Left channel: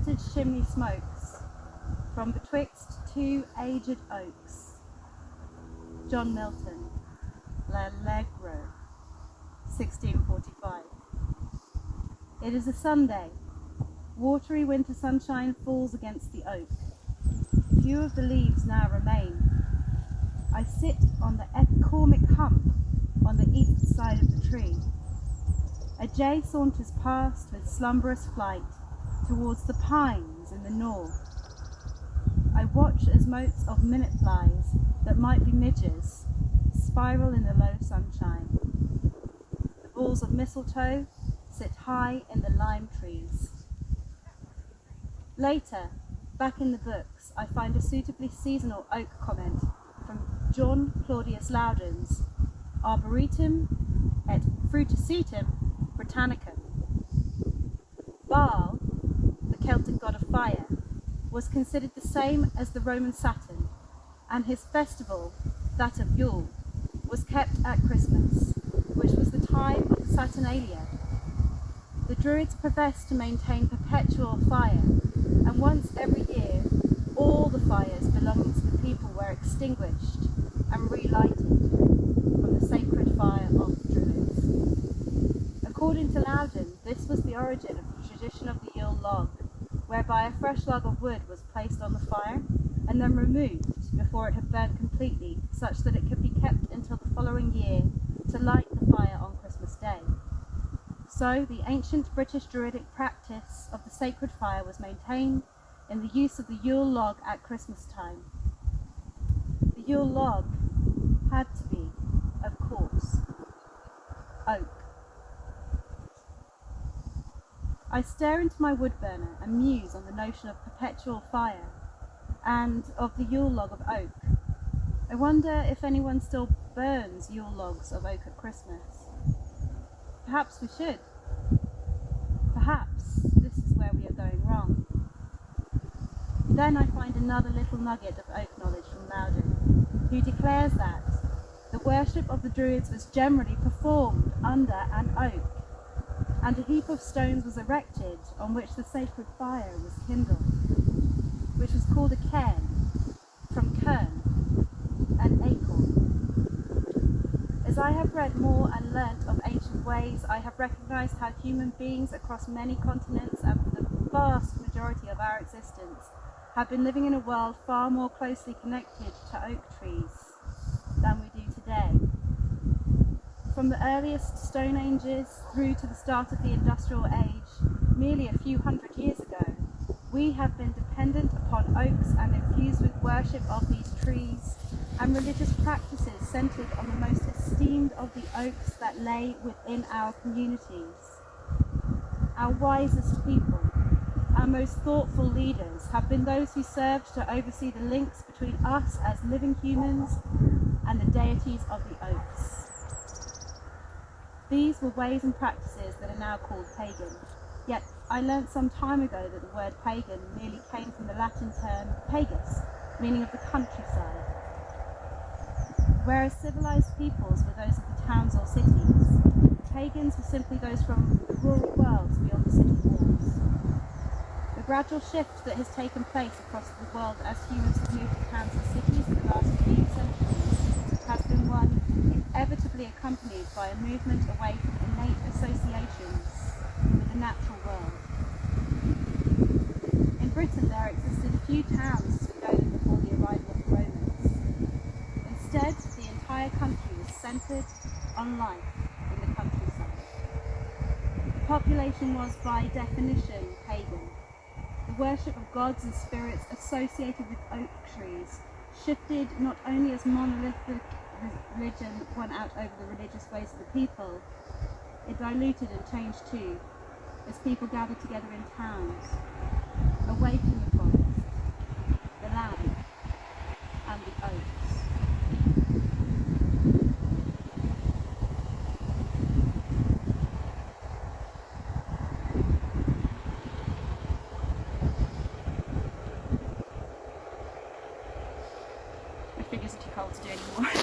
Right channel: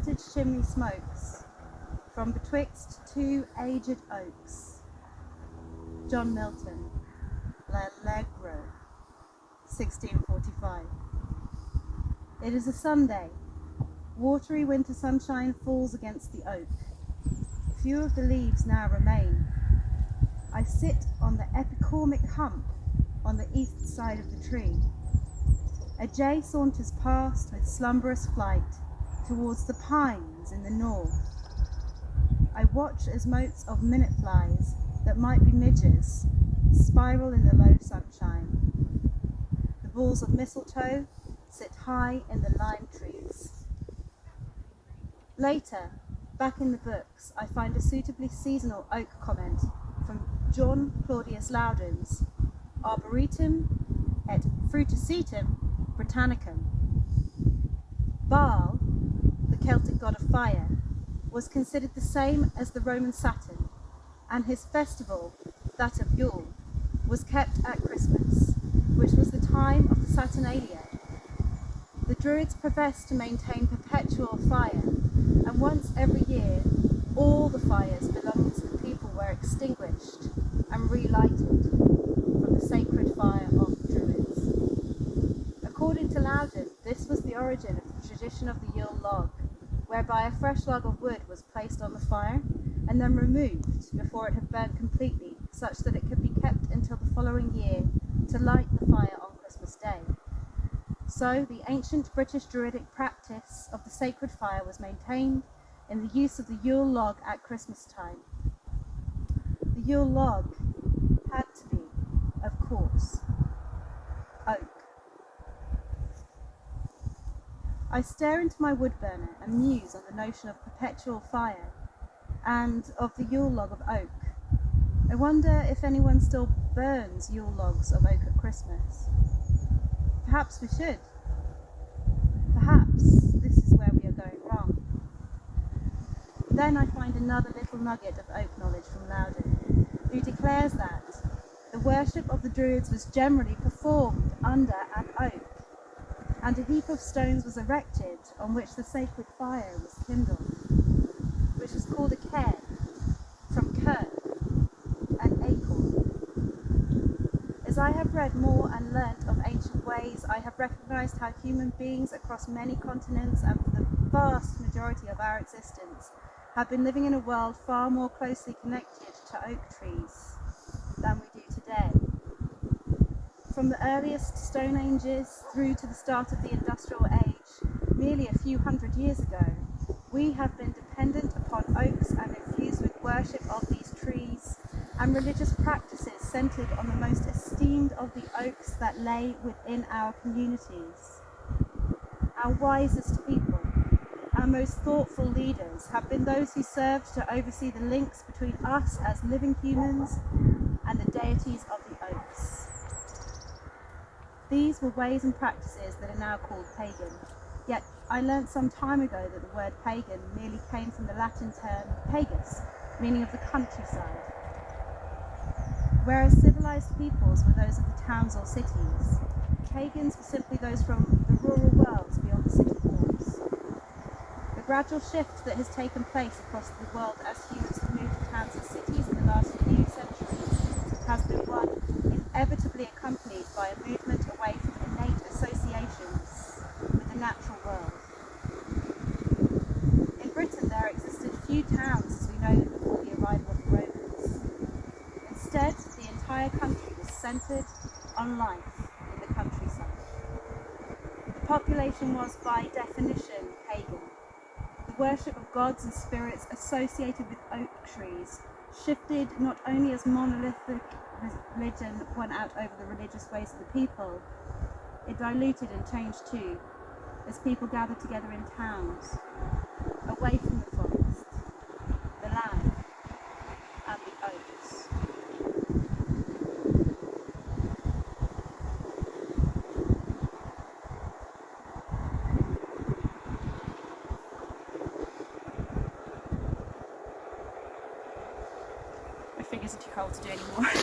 cottage chimney smokes from betwixt two aged oaks. John Milton, L'Allegro, 1645. It is a Sunday. Watery winter sunshine falls against the oak. Few of the leaves now remain. I sit on the epicormic hump on the east side of the tree. A jay saunters past with slumberous flight towards the pines in the north. I watch as motes of minute flies that might be midges spiral in the low sunshine. The balls of mistletoe sit high in the lime trees. Later, back in the books, I find a suitably seasonal oak comment from John Claudius Loudon's Arboretum et Fruticetum Britannicum. Baal, the Celtic god of fire, was considered the same as the Roman Saturn, and his festival, that of Yule, was kept at Christmas, which was the time of the Saturnalia. The Druids professed to maintain perpetual fire, and once every year all the fires belonging to the people were extinguished and relighted from the sacred fire of the Druids. According to Loudon, this was the origin of the tradition of the Yule log, whereby a fresh log of wood was placed on the fire and then removed before it had burnt completely, such that it could be kept until the following year to light the fire on Christmas Day. So the ancient British Druidic practice of the sacred fire was maintained in the use of the Yule log at Christmas time. The Yule log had to be, of course, oak. I stare into my wood burner and muse on the notion of perpetual fire and of the Yule log of oak. I wonder if anyone still burns Yule logs of oak at Christmas. Perhaps we should. Perhaps this is where we are going wrong. Then I find another little nugget of oak knowledge from Loudon, who declares that the worship of the Druids was generally performed under an oak, and a heap of stones was erected on which the sacred fire was kindled, which was called a cairn, from kern, an acorn. As I have read more and learnt of ancient ways, I have recognised how human beings across many continents and for the vast majority of our existence have been living in a world far more closely connected to oak trees than we do today. From the earliest Stone Ages through to the start of the Industrial Age, merely a few hundred years ago, we have been dependent upon oaks and infused with worship of these trees and religious practices centred on the most esteemed of the oaks that lay within our communities. Our wisest people, our most thoughtful leaders have been those who served to oversee the links between us as living humans and the deities of the oaks. These were ways and practices that are now called pagan, yet I learnt some time ago that the word pagan merely came from the Latin term pagus, meaning of the countryside. Whereas civilized peoples were those of the towns or cities, pagans were simply those from the rural worlds beyond the city walls. The gradual shift that has taken place across the world as humans have moved to towns and cities in the last few centuries has been one inevitably accompanied by a movement away from innate associations with the natural world. In Britain there existed few towns as we know them before the arrival of the Romans. Instead, the entire country was centred on life in the countryside. The population was, by definition, pagan. The worship of gods and spirits associated with oak trees shifted not only as monolithic religion went out over the religious ways of the people, it diluted and changed too, as people gathered together in towns, away from the forest, the land, and the oaks. My fingers are too cold to do anymore.